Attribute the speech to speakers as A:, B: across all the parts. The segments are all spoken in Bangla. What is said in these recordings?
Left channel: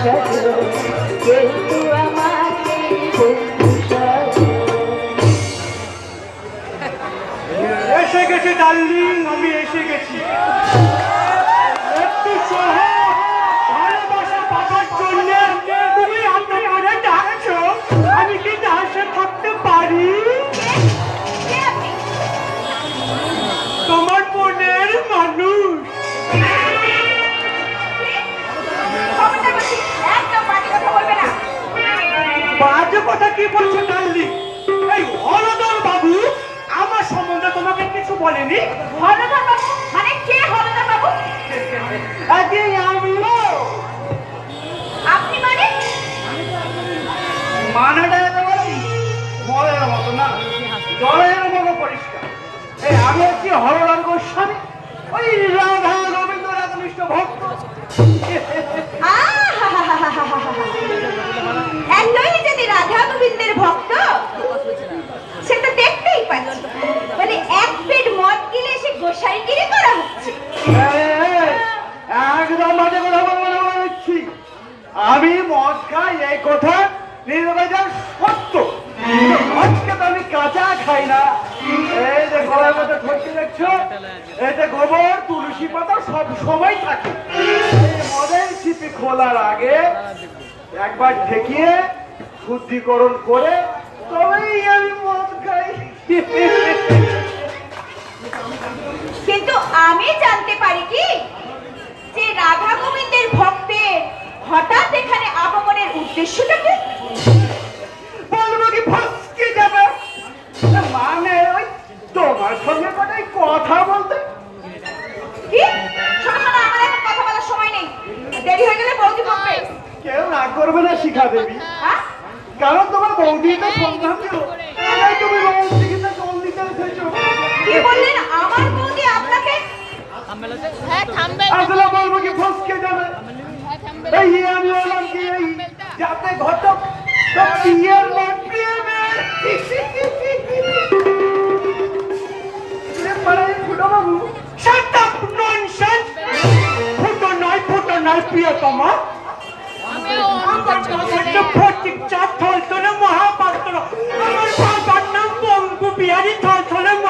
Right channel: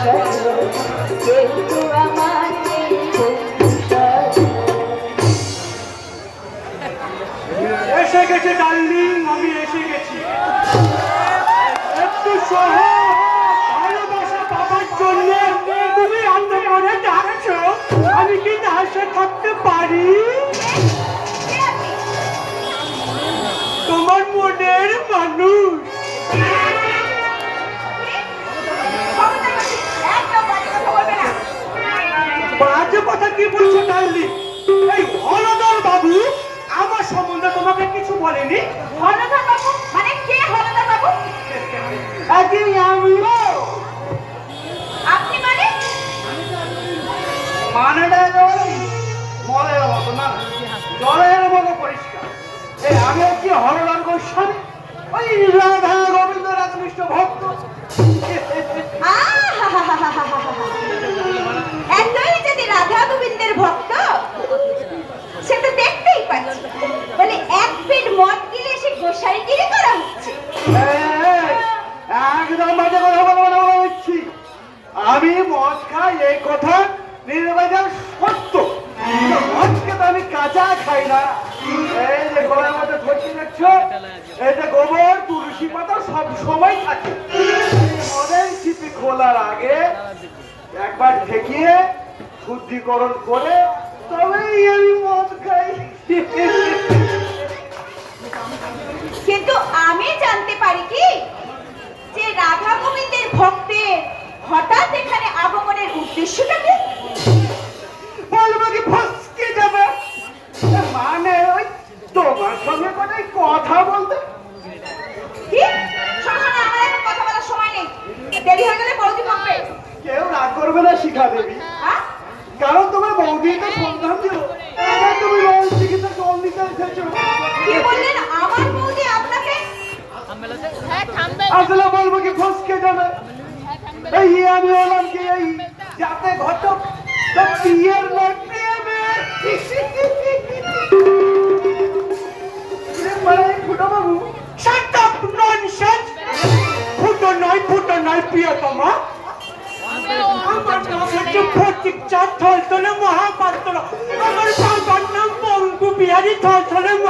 A: かつ全ては বলেনি
B: মানে কে হলদা বাবু
A: আগে আমি।
B: আপনি মানে?
A: মানেটা একেবারে জলের মতো না জলের মতো পরিষ্কার। এই আমি কি হরলাল গোস্বামী ওই রাধা গোবিন্দ রাধনিষ্ঠ ভক্ত।
B: এতই যদি রাধা গোবিন্দের ভক্ত সে তো দেখতেই পাচ্ছি। বলে এক পেট গোসাইগিরি করা হচ্ছে?
A: একদম বাজে কথা বলব না আমি মদ খাই এই কথা নির্বাচন সত্য। মদকে তো আমি কাঁচা খাই না। এই যে গলার মধ্যে ঠেকতে দেখছ যে গোবর, তুলসী পাতা সব সময় থাকে। মদের চিপি খোলার আগে একবার ঠেকিয়ে শুদ্ধিকরণ করে তবেই আমি মদ খাই।
B: আমি জানতে পারি কি? যে রাধা গোবিন্দের ভক্তের হঠাৎ এখানে আগমনের উদ্দেশ্যটা কি?
A: আসলে বলব কি ফসকে যাবে। এই আমি হলাম কি এই যাতে ঘটক বিয়ের প্রিয়তমা। মহাপাত্র। আমার বাবার নাম বঙ্গু বিহারী থলথলে মহাপাত্র।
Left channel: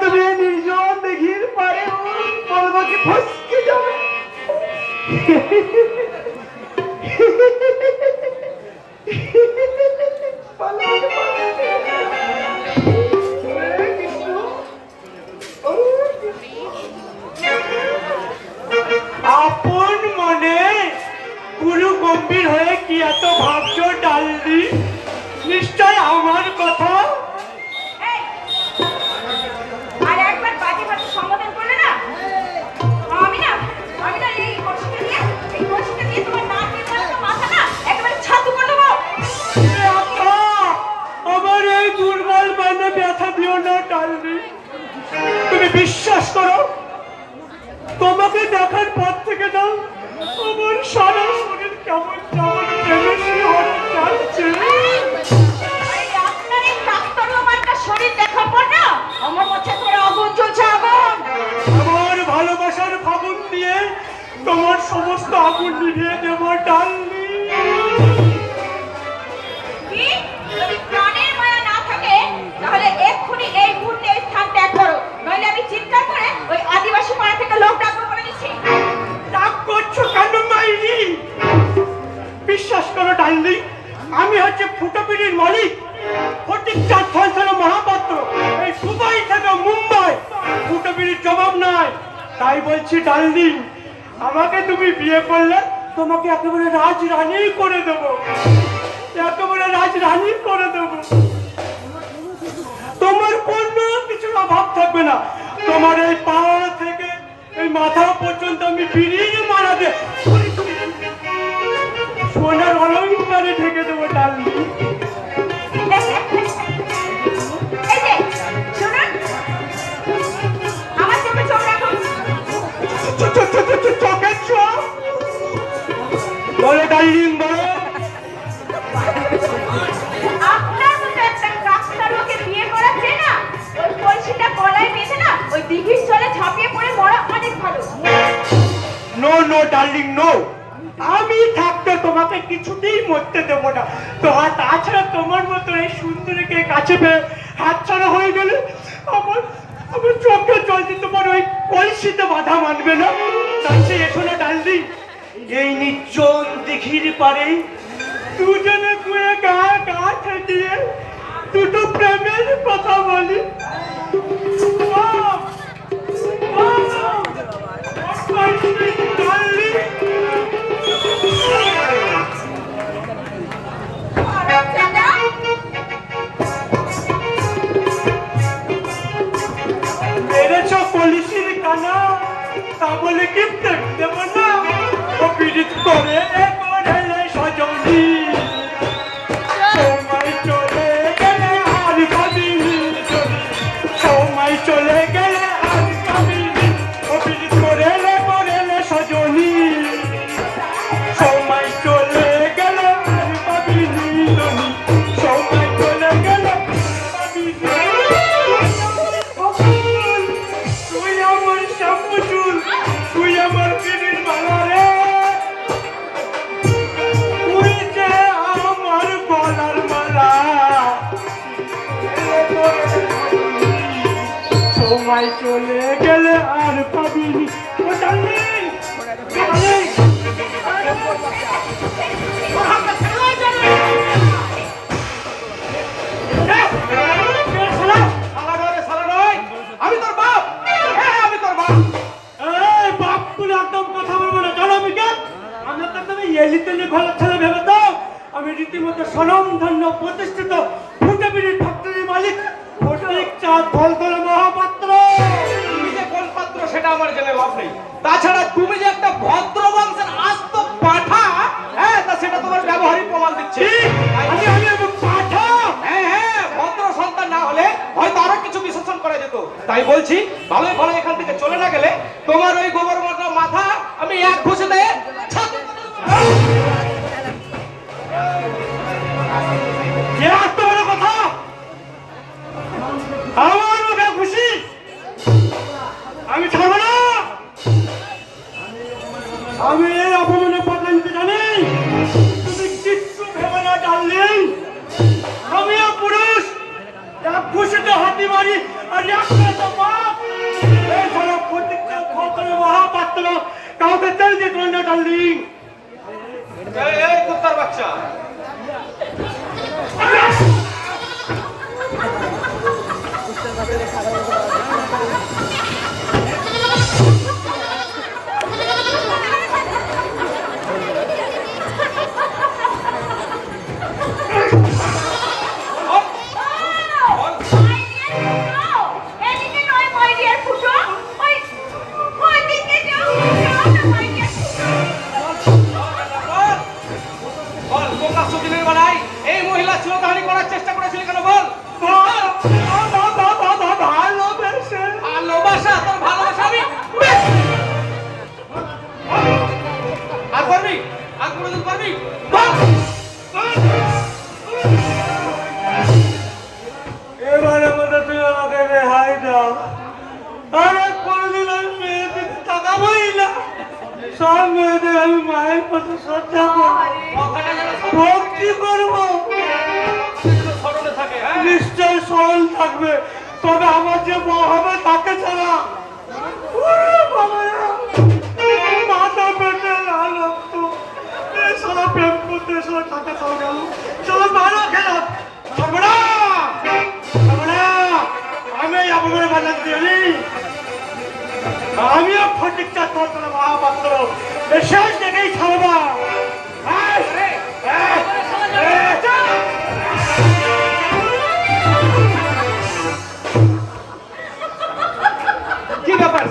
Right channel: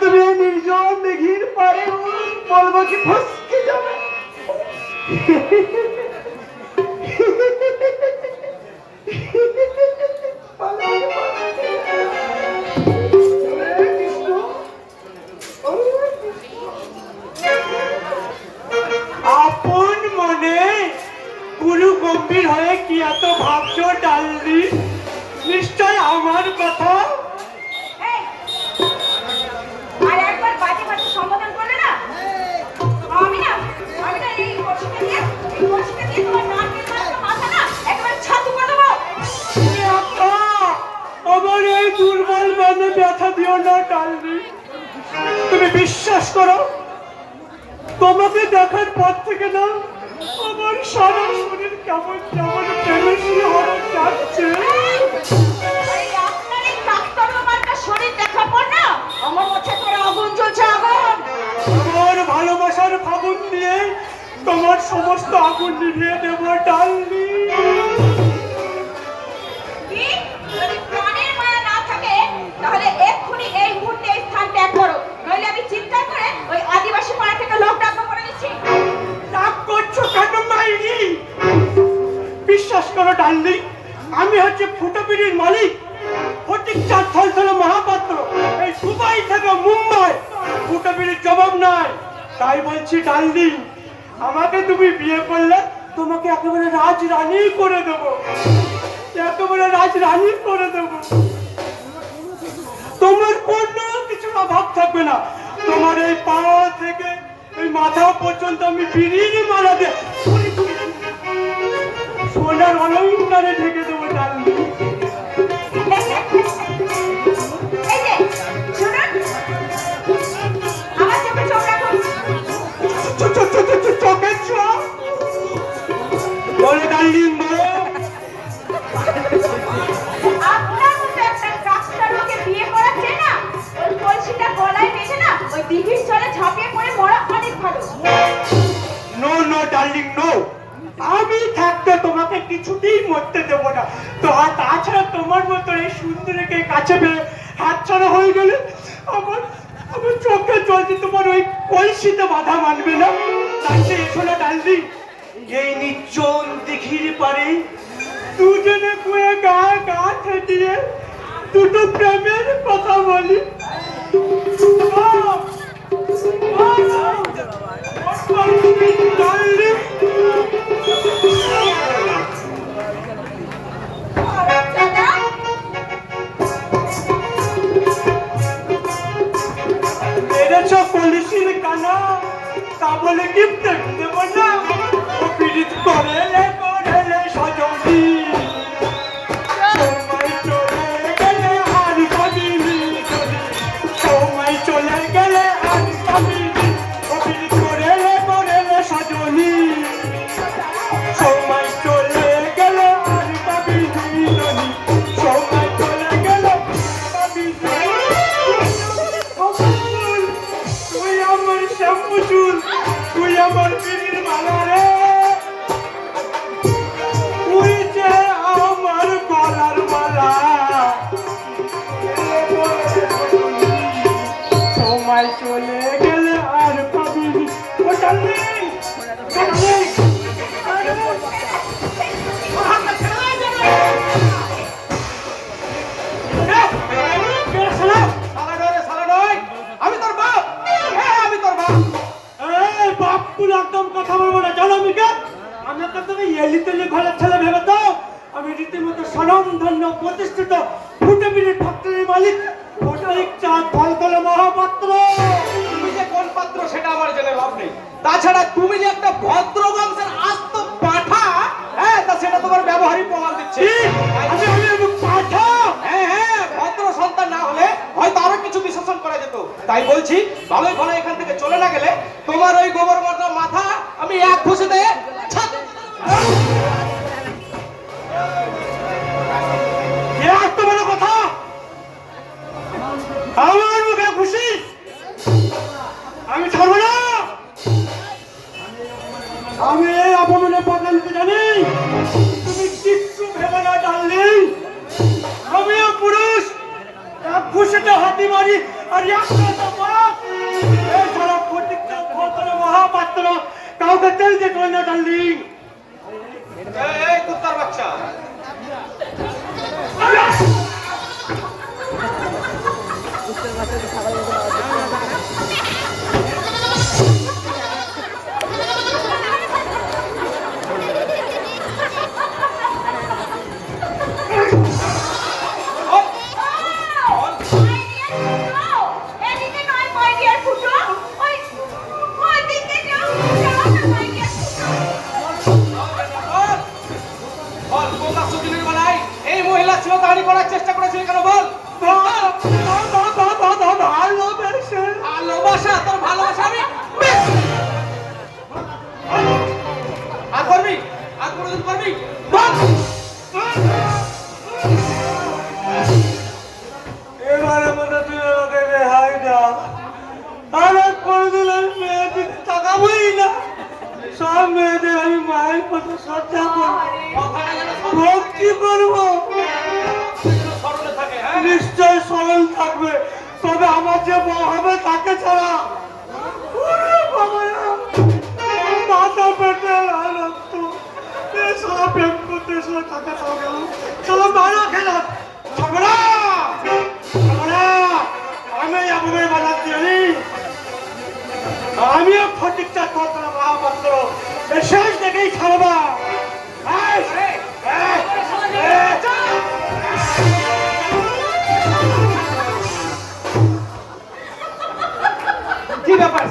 A: তুমি এই নির্জন দেখির পারে বলব কি ফসকে যাবে
C: আপন আমার ব্যথা তুমি বিশ্বাস করো, তোমাকে থেকে কেমন
B: আমার
C: ভালোবাসার ফাগুন দিয়ে তোমার সমস্ত আগুন নিভিয়ে দেবো ডালদি
B: কি
C: বিয়ে করলে তোমাকে একেবারে রাজরানী করে দেবো। একেবারে রাজরানী করে দেবো। তোমার কোনো কিছুর অভাব থাকবে না। তোমার এই পাওয়া থেকে এই মাথা পর্যন্ত আমি বিড়িয়ে মারাতে সোনার অলঙ্কারে ঢেকে দেবো ডালদি
B: মতো
C: সুন্দরীকে কাছে পেয়ে হাত ছাড়া হয়ে গেলে আমার আমার চোখে জল দিয়ে তোমার ওই কলসিতে বাধা মানবে না তাই এসো না ডার্লিং এই নির্জন দিঘির পারে দুজনে কুয়ে গা গা ঠেটিয়ে দুটো প্রেমের কথা বলি Wow! Wow! তা বলে কি দেব না? করে তাই
D: বলছি ভালোই ভালো এখান থেকে চলে না গেলে তোমার ওই গোবর মাথা আমি এক খুশি দিয়ে আমি
C: ছাড়বো না?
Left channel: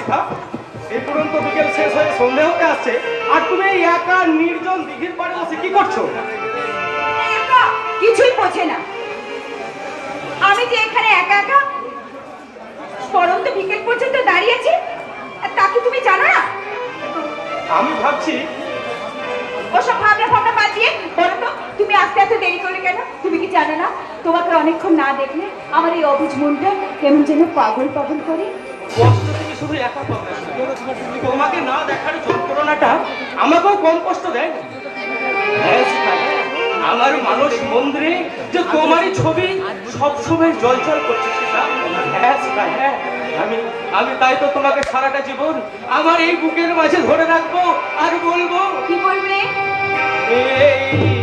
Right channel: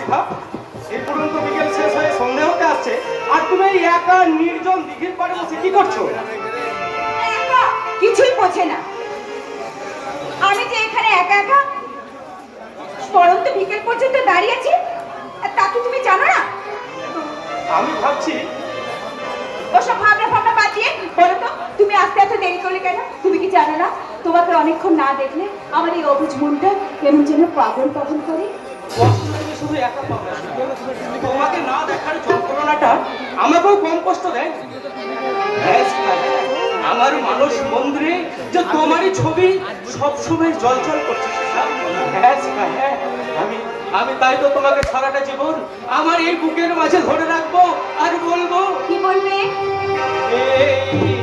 D: একা
B: একা? একা তুমি জানো না?
D: আমি ভাবছি
B: ওসব ভাবনা বলো তো তুমি আসতে এত দেরি করলে কেন? তুমি কি জানো না? তোমাকে অনেকক্ষণ না দেখলে আমার এই অবুঝ মনটা কেমন যেন পাগল পাগল করে।
D: হ্যাঁ, তোমারই ছবি সবসময় করছে হ্যাঁ, হ্যাঁ, আমি তাই তো তোমাকে সারাটা জীবন আমার এই বুকের মাঝে ধরে রাখব আর বলব
B: কি বলবে?
D: এই